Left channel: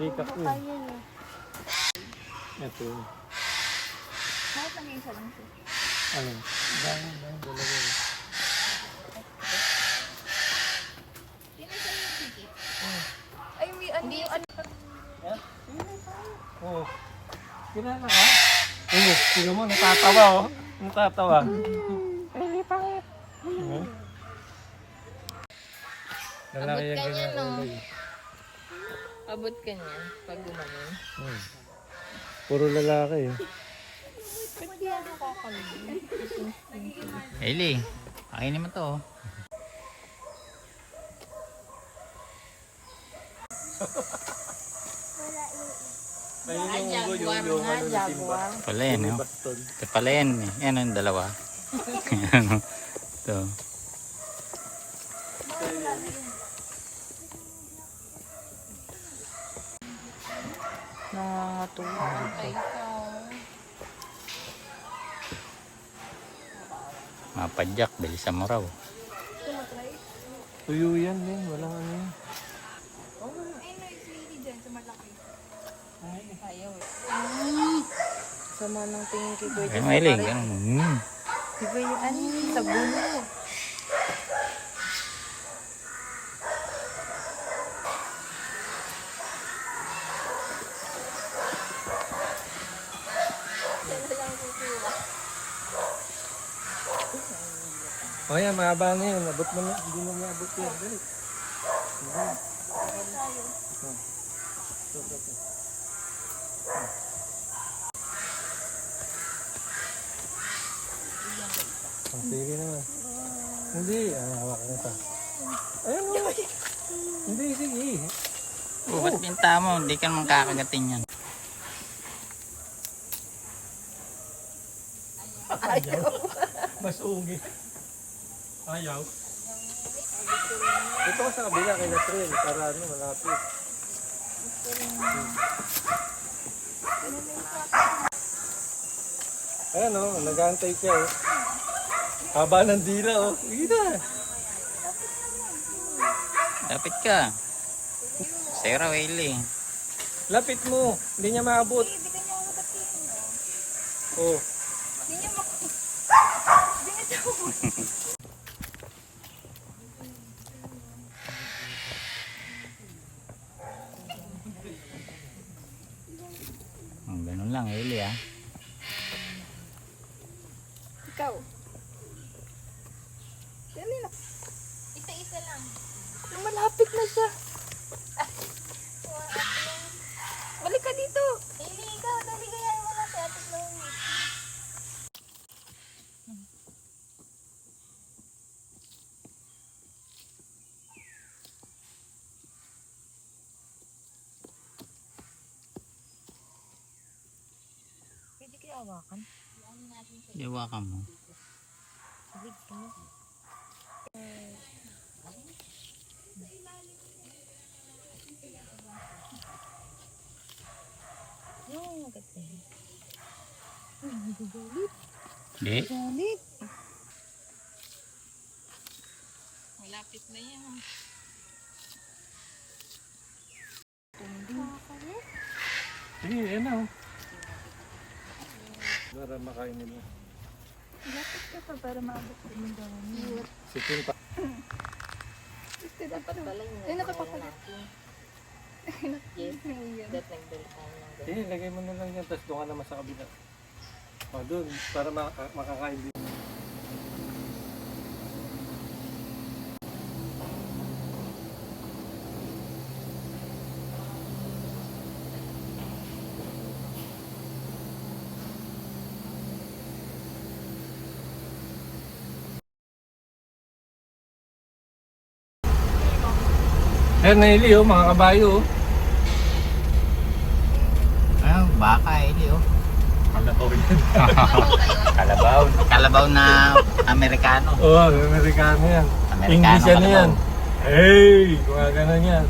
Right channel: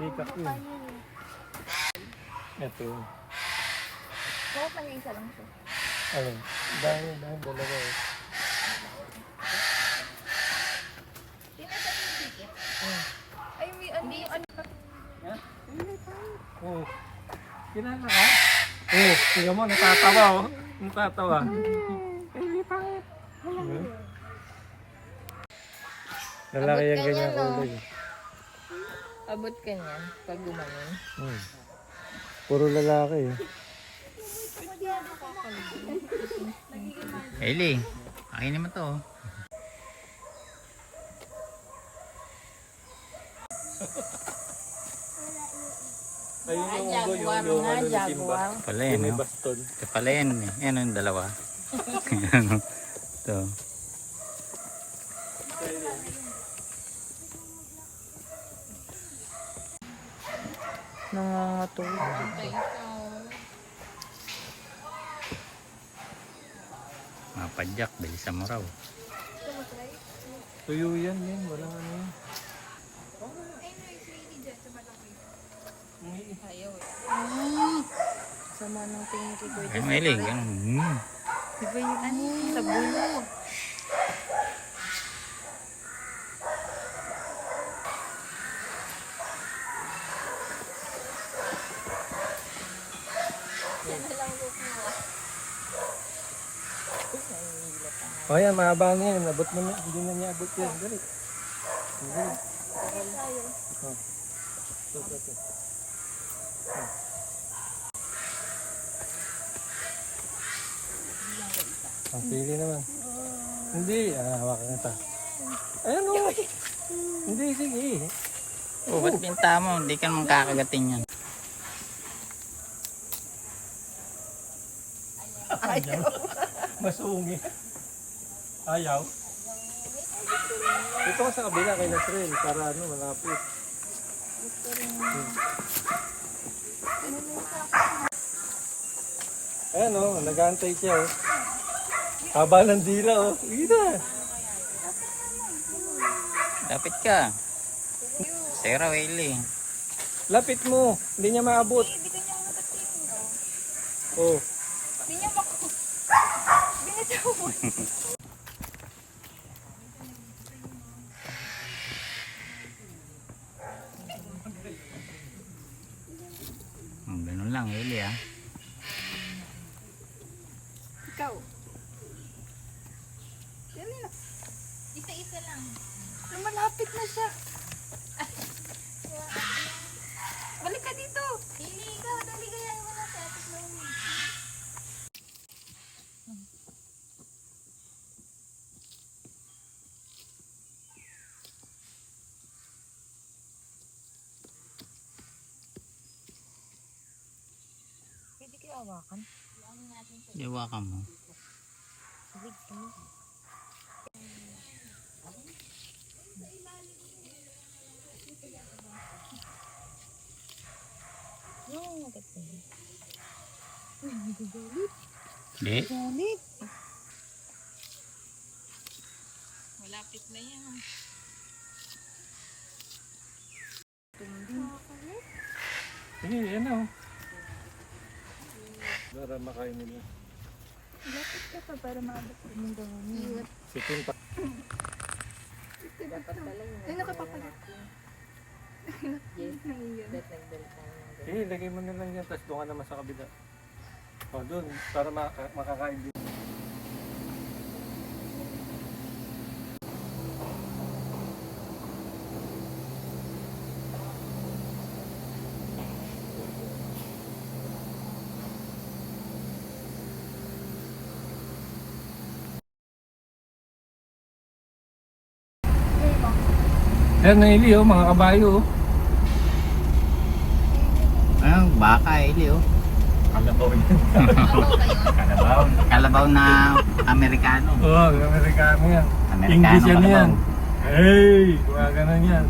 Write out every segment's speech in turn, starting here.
Peacock yun. Ito yun. Bakit nag-iisa lang siya? Ano? Dahil dalawa eh. Tinasal yung ticket. Ay, may ano yung ano. Ha? Oo. Kinala ka? Oo. Tingnan mo, natatawa oh. Natatawa. Lalaki yung ganyan kulay. Abot ka niya pag gumanon. Puro lalaki eh. Ba't di ako kakalimutan? Nagiging man. Hailey, akin naman to. Pala yan, no? Ito pala yan, eh. Yan yung dalawa. Ano? Ito. Nangangatulog. Mapadyak, bilisan mo raw. Tuyo yan din. Walang ano yun. Ay, no, yung lady dyan, sa malaki. Ayaw eh. Sama ng tingin kay Kuya. Ay, mailing. Di ba yung ano? Sa bulo. Sana lang kukuha. O yan, mahaba niya yun. Abot mo, hindi mo niya abot yun. Dali. Bakit tayo? Ang siri naman. Hindi. Ano, hawakan mo ito. Ayan o. Hindi, sige. Oh, ba't binta mo? Hindi ka naman kakagatin yan. Ayaw. Masungi. Ayaw. Ito ko sa kabila kay Natril para ano, malapit. Ayan o, nag-aantay siya o. Haba ng dila o. Sige na. Lapit ka. Sarah, Hailey. Lapit mo. Hindi niya maabot. Hindi ka niya matatin. Oh. Hindi niya makuha. Hindi niya tawag. Ganun lang, Hailey, ah. Ikaw. Dali na. Isa-isa lang. Lumalapit na siya. Balik ka dito. Hindi, ikaw. Dali kaya mo lang sa ating Chloe. Pwede kaya awakan? Iwakan mo. Big ka mo. Yung maganda. Uy, nagagalit. Hindi. Galit. Malapit na yan. Sige, yan na o. Para makain nila. Lapit ka pa para maabot yung dami. Sitin pa. Ay, nakapapalit. Sige, lagay mo na lang yan. Tapos doon ka naman sa kabila. O, doon. Para makakain din. Yan, naili oh, mga kabayo oh. Ayun, baka, Hailey, oh. Kalabaw yan. Kalabaw. Kalabaw na Amerikano. Oo, Amerikano yan. Amerikano English yan kalabaw. yan. Hey! Mga ganun yan.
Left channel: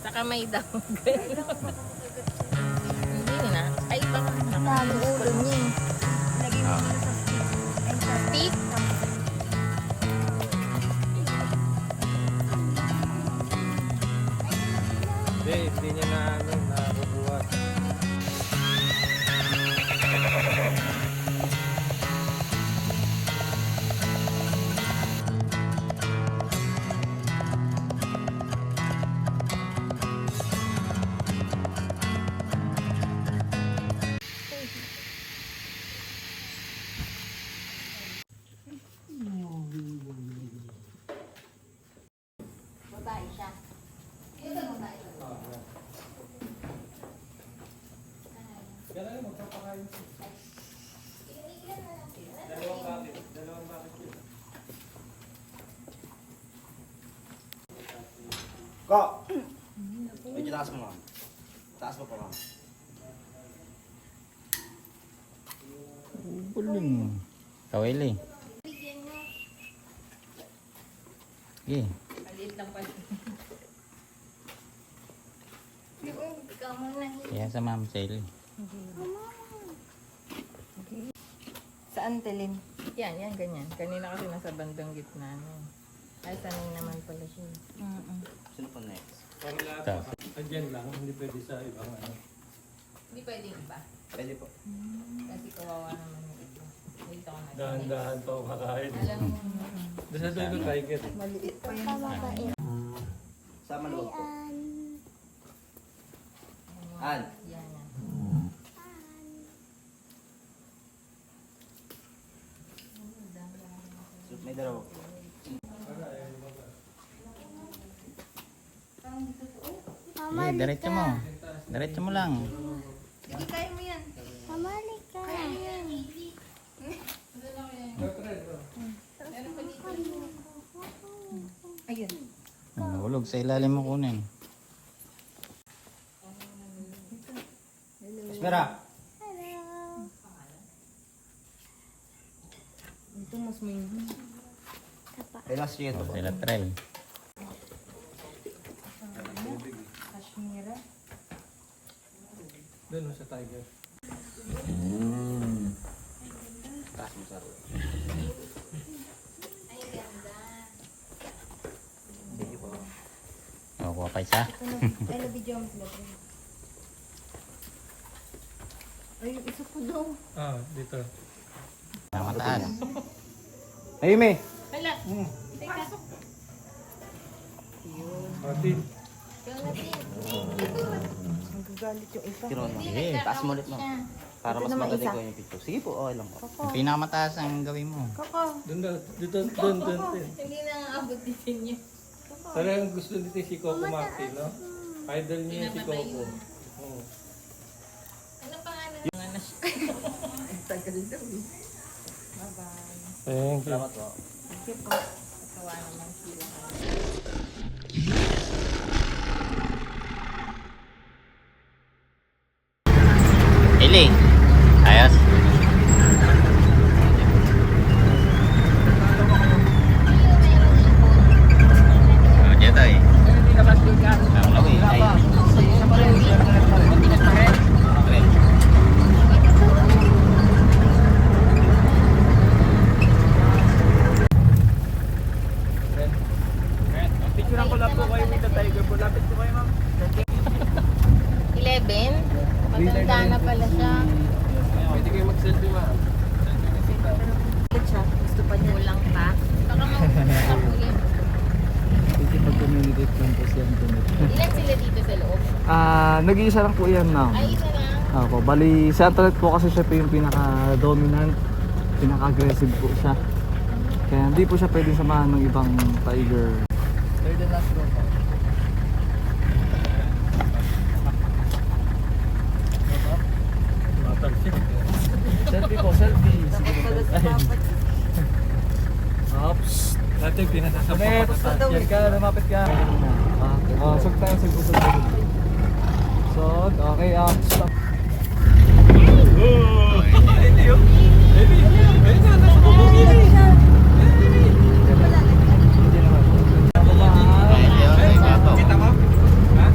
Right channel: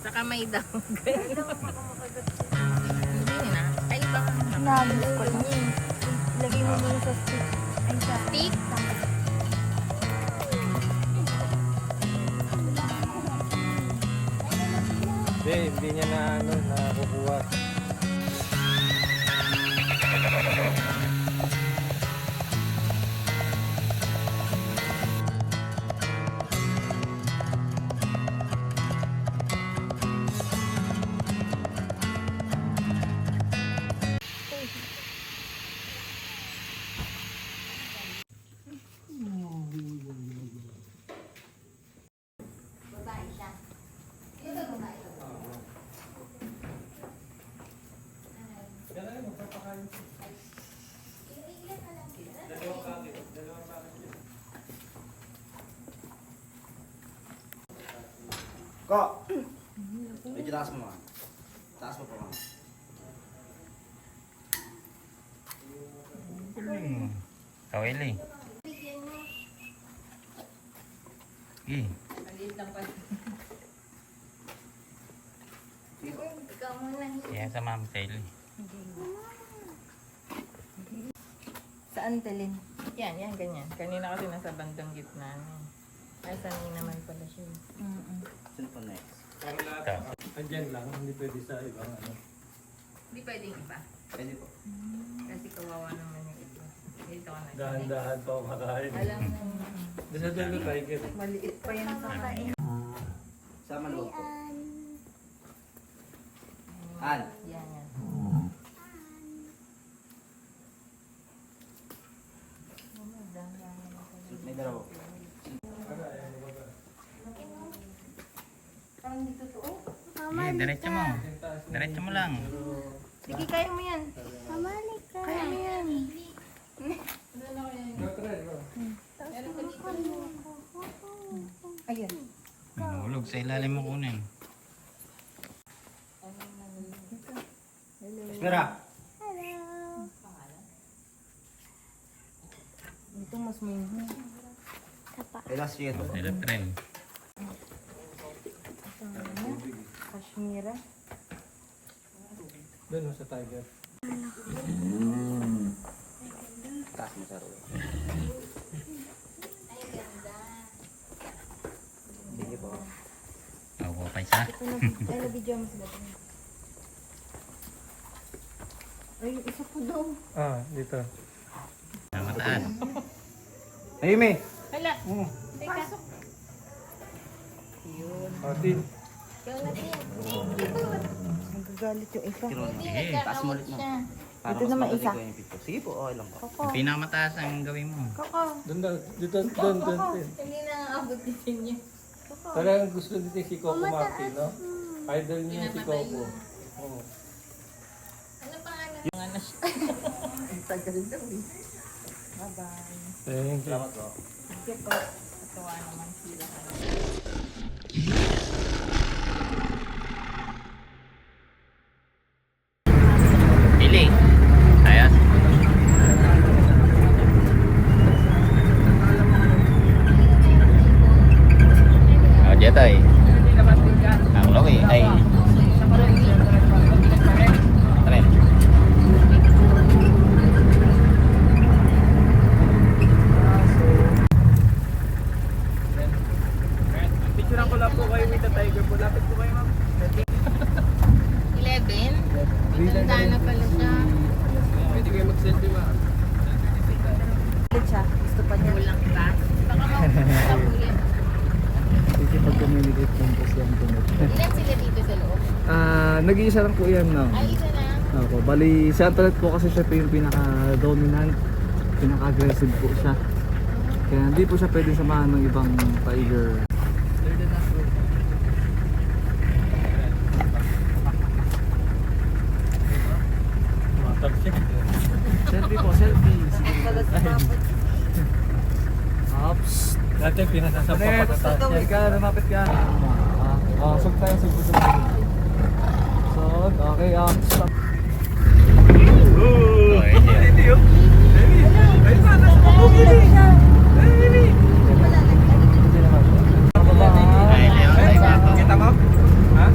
Sa kamay daw. Hindi na. Ay, nabis ko lang. Lagay mo din sa stick. Ay, Plastic. Hindi niya na nabubuhat. Kok! Medyo taas mo mga. Taas mo pa mga. Galing. Kawili. Sige. Maliit lang pala. Ikaw muna. Kaya sa mama sa ili. Saan, Telin? Yan, ganyan. Kanina kasi nasa bandang gitna. Ay, saan naman pala siya. Sino pa next? Para lahat andyan lang, hindi pwede sa ibang ano. Hindi pwedeng iba. Pwede po. Kasi kawawa naman yung iba. Dito ka na. Dahan-dahan pa kumakain. Alam mo, Doon sa dulo tiger. maliit pa yung kakain. Sama loob po. An. Yan. May dalawa po. Sige, diretso mo. Diretso mo lang. Sige, kaya mo yan. Mamali ka. Ayun. Nahulog sa ilalim mo kunin. Espera! Hello. Ito mas may Relax siya ito. Sila try. kashmira. Doon sa tiger. Taas mo sa. Hindi po. Nakuha pa isa. Ay, video mo sila. Ay, yung isa ko daw. Dito. Sa mataas. Hey, May! Hala. Teka. Yun. Atin. Ikaw natin. Nagagalit yung isa. Tiro mo. Sige. Taas mo ulit mo. Para mas madali ko yung picture. Sige po, okay lang. Yung pinakamataas ang gawin mo. Doon daw. Dito. Doon. Hindi na abot din niya. Parang gusto nito si Coco Martin, no? Idol niya si Coco. Oo. Ano pangalan? Yung ano siya. Ang tagal daw eh. Bye-bye. Thank you. Thank you po. Katuwa naman sila. Ili. Ayos. Okay tayo. Picturean ko lang po kayo with the tiger po. Lapit po kayo, ma'am. 11? Matanda na pala siya. Pwede kayo mag-selfie, ma'am. Siya. Gusto pa din lang pa. Sige, pag-communicate lang po siyang tunod. Ilan sila dito sa loob? Nag-iisa lang po yan, no? Ay, isa lang. Ako, bali, si Antoinette po kasi siya po yung pinaka-dominant, pinaka-aggressive po siya. Kaya hindi po siya pwedeng samahan ng ibang tiger. Selfie po, selfie. Sige na. Ops. Dati pinasasapa pa ko sa Yan ka, lumapit ka. Sug tayo, sug. Sug, okay, stop. Kita mo? Ha?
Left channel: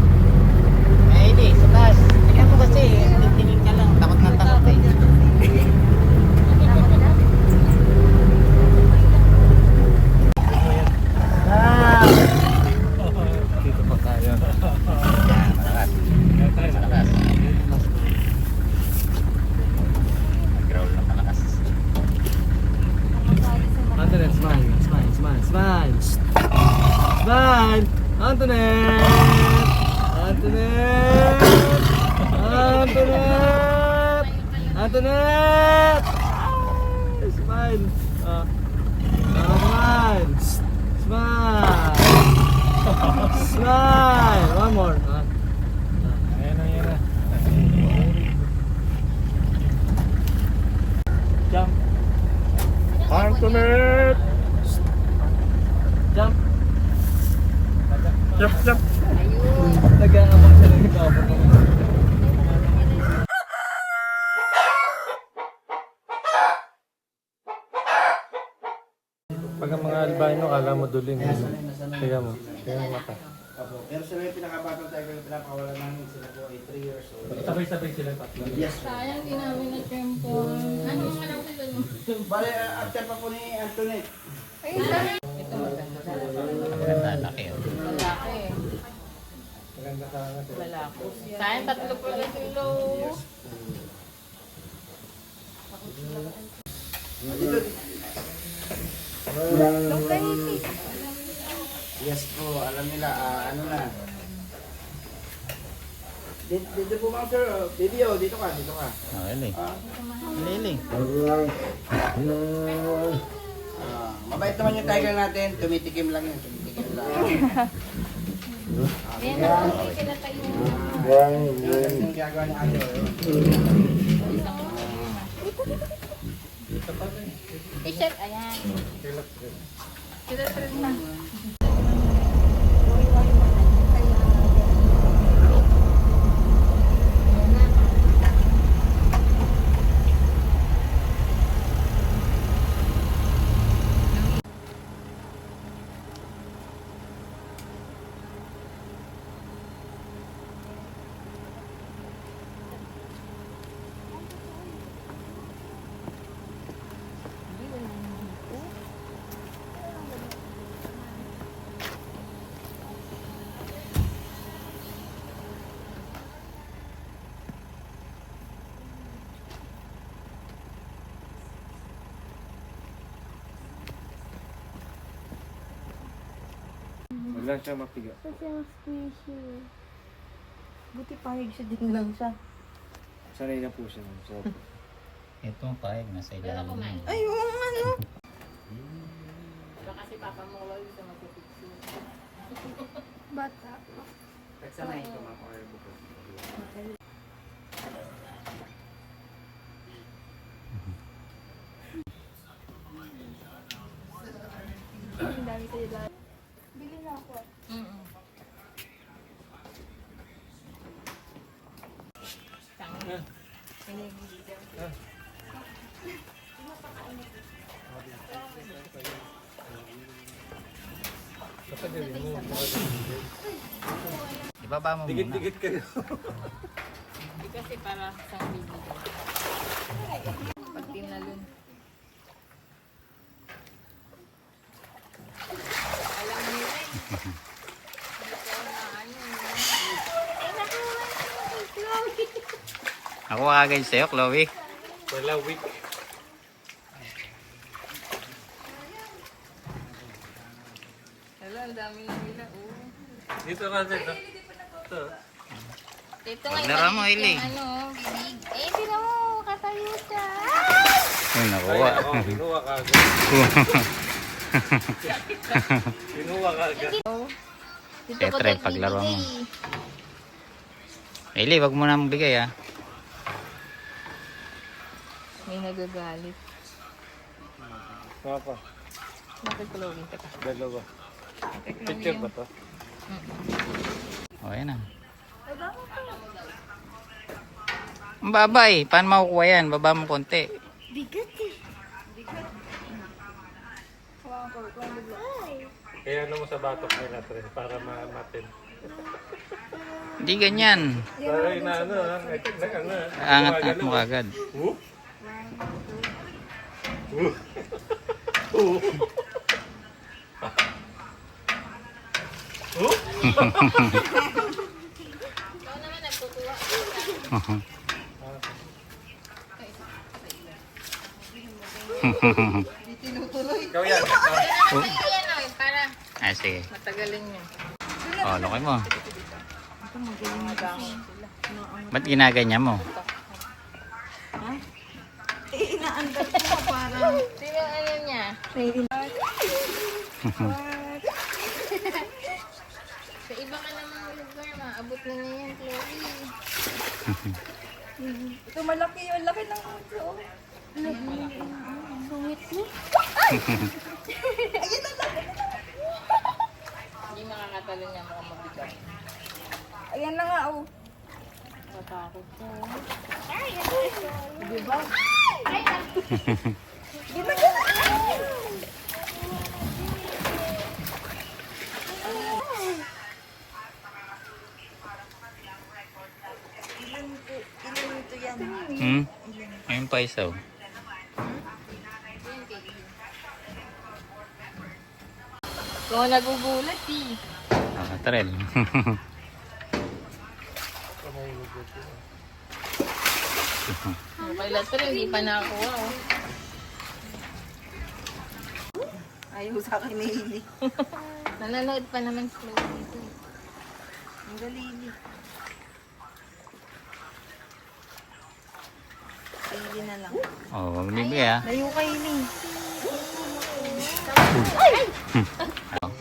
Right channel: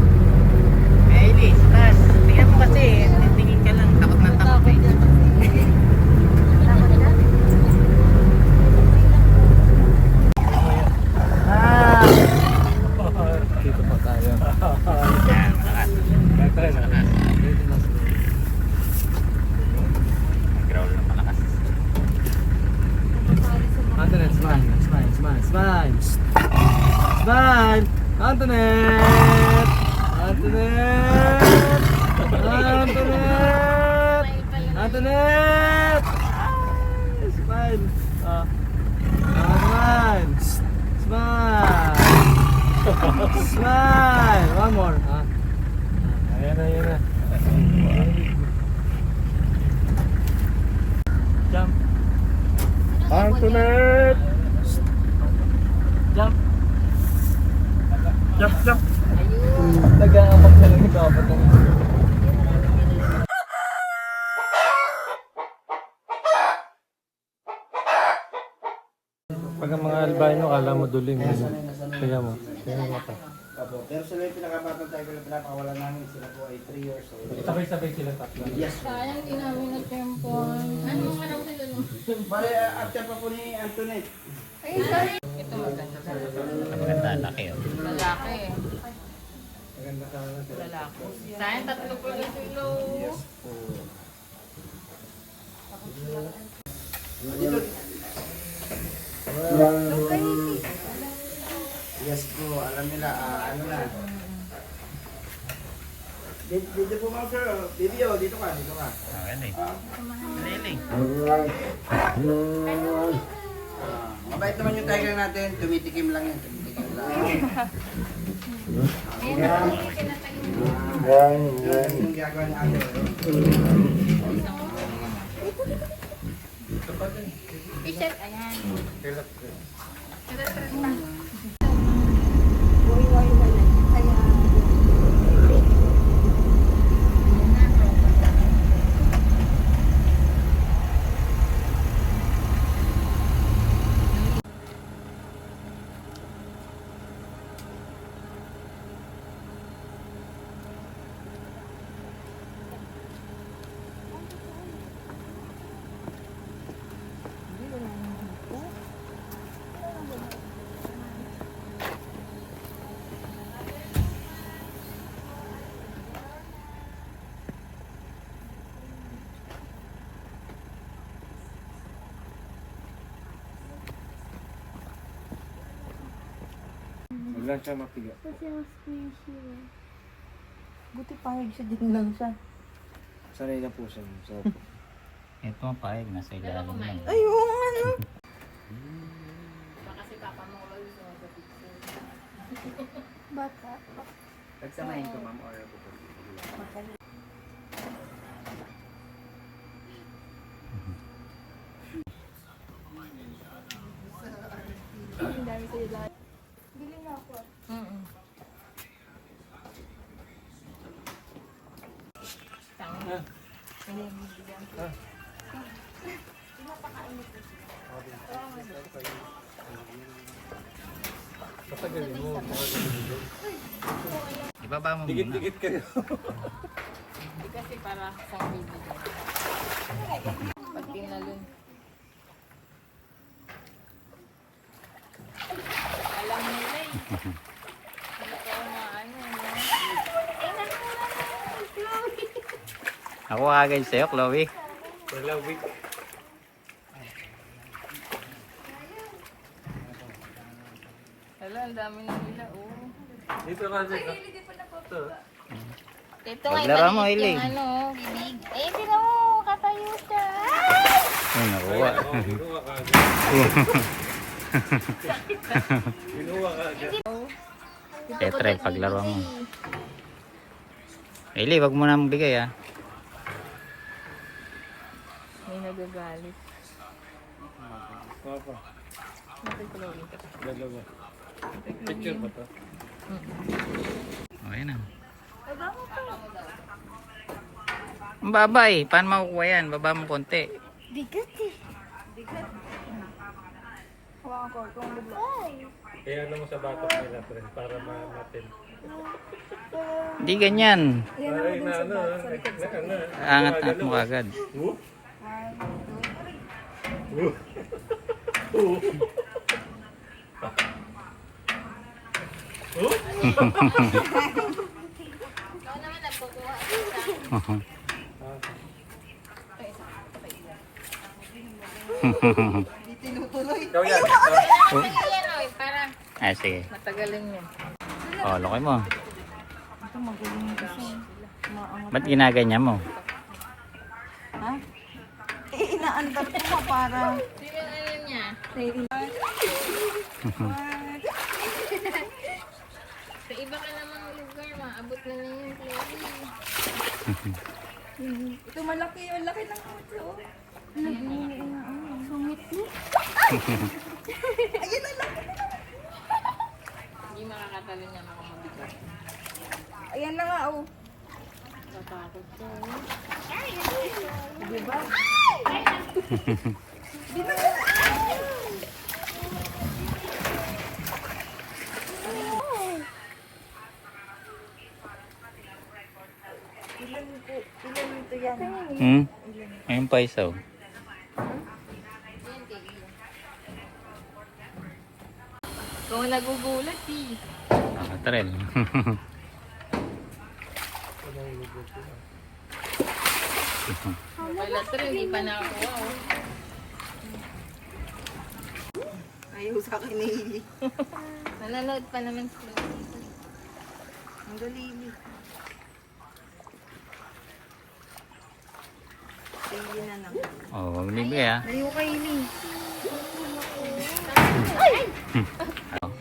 Smile! Antoinette! Antoinette! Antoinette! Antoinette! Ay, smile! Ah. Smile! Smile! Smile! One more. Ah. Ayan na, ayan na. Jump! Antoinette! Jump! Jump, jump! Nag-aabang sa lang ikaw. Pag ang mga albanyo, kala mo duling. Tingnan mo. Tingnan mo mata. Opo. Pero sila yung pinakababantay ko yung pinapakawalan namin. Sila po ay 3 years old. Sabay-sabay sila tatlo. Yes. Sayang din namin na tempo. Ano alam sila no? Bale, after pa po ni Antoinette. Ay, sorry. Maganda, laki oh. Malaki eh. Maganda ka. Sayang, tatlo po lang kilo. Yes po, alam nila, ano na. Dito po mga sir, baby oh, dito ka. Galing. Ah, Galing. mabait naman yung tiger natin, tumitikim lang yun, tumitikim lang. Ayan, hindi sila tayo. Yan yung ginagawa ni ate. Teacher, ayan. Sila na. Huwag lang siya mapiga. Kasi ang squishy. Buti pangig siya din lang siya. Sanay na po siya. So, Ito ang pahig, nasa ilalim yan. Ay, oo ano? Kasi papa mo wala sa Bata. Nagsanay ito ma'am, order ko po. Ang dami tayo lahat. Bili na ako. basta gawin mo. Ibaba mo muna. Dikit-dikit kayo. Hindi kasi para sa baby daw. Pag tinalon. Alam mo na eh. Ako agad sa'yo, Chloe. Wala weak. Wala, ang dami ng nila. Dito ka dito. Ito. Ito Paglaro mo, Hailey. Ano, binig. Eh, sila mo, katayo siya. Uy, nakuha. Binuha ka agad. Binuha ka agad. Tetre, paglaro mo. Hailey, wag mo na magbigay ah. May nagagalit. Mga pa. Napagkulogin ka pa. Dalawa. Picture ba to? O, yan ah. Ang baba eh. Paano makukuha yan? Baba mo konti. Bigat eh. Kaya ano mo sa batok nila, pre, para matin. Hindi ganyan. Para inaano, Angat-angat mo agad. Ikaw yan. Ayan o, para Ay, sige. Matagalin yun. Oh, laki mo. Ito magaling yung kasi. Ba't ginaganyan mo? Ha? Eh, inaandar ko nga para. Sino ano niya? Sa iba ka namang lugar, maabot mo na yan, Chloe. Ito malaki yung laki ng ito. Sungit mo. Hindi makakatalo niya mga mabigat. Ayan na nga, oh. Matakot ko. Diba? Ilan ito yan? Hmm? Ayun pa isa, oh. Mga nagugulat eh. Ah, Trel. Wala sila, hindi pa na ako. Ayaw sa akin ni Hili. Nanonood pa naman sila dito. Ang dalili. Hili na lang. Oh, wag bibigay ah. Layo ka Hili. Oh.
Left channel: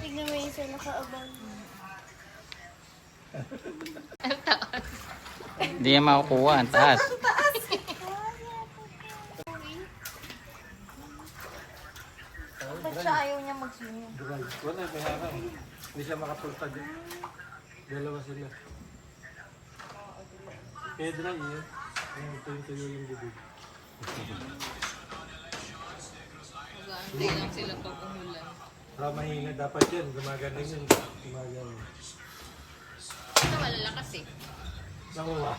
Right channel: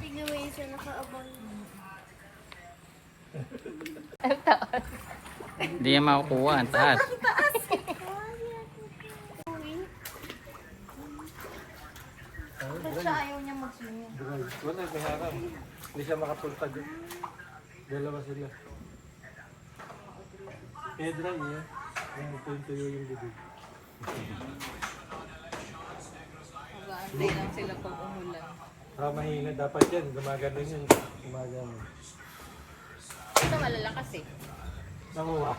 Tignan mo yung isa nakaabang. Hindi yan makukuha. Ang taas. Ba't siya ayaw niya mag-swim? Dry. Wala, nangarap. Hindi siya makapulta dyan. Dalawa sila. Kaya dry eh. Yung tuyo yung bibig. Hindi lang sila pag umulan. Mahina dapat yan. Gumagano yun. Gumagano. Ito malalakas eh. Nanguha.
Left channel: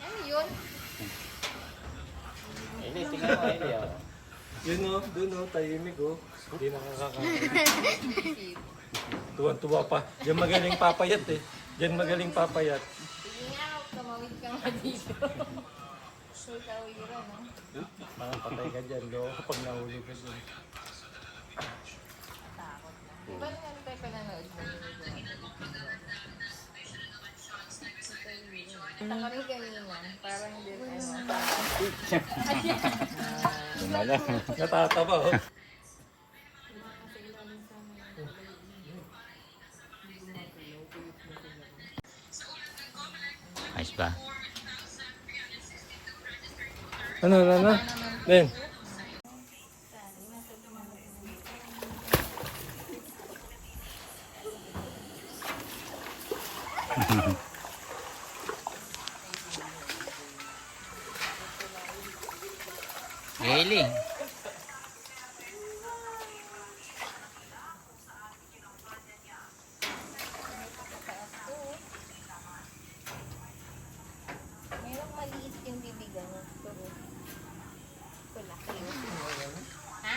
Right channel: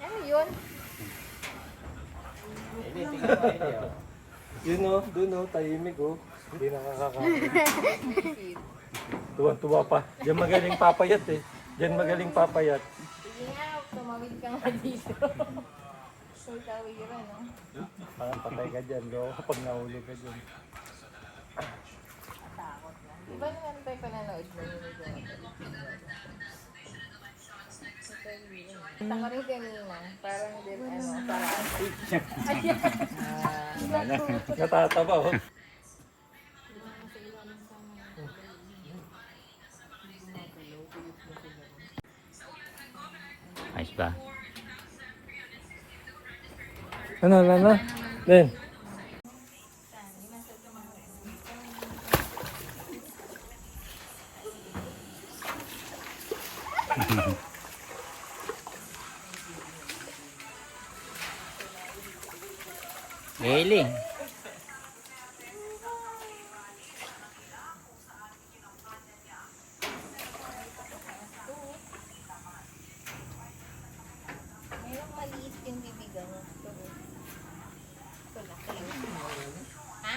Ano yun? Yun o, dun o, tahimik o. Hindi nakakakain. Tuwang-tuwa pa. Diyan magaling papayat eh. Diyan magaling papayat. Sige nga, tumawid ka nga dito. So, tawiran. Patay ka dyan. Di ako kapag nahuli ka dyan. Diba naman tayo pananood mo? Kami kanina, parang din ano. Natataba o. Ayos ba? Ano? Ben. Gaili. Mayroong maliit yung bibigan niya. Pero, ito laki yun. Ha?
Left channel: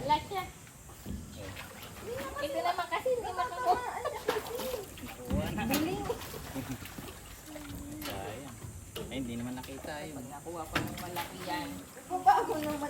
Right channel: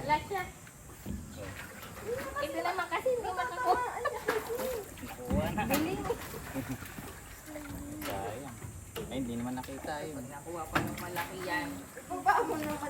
Alakya. Ito naman kasi hindi makakuha. Sayang. Eh, hindi naman nakita yun. Nakuha pa ng malaki yan. Mukha mo naman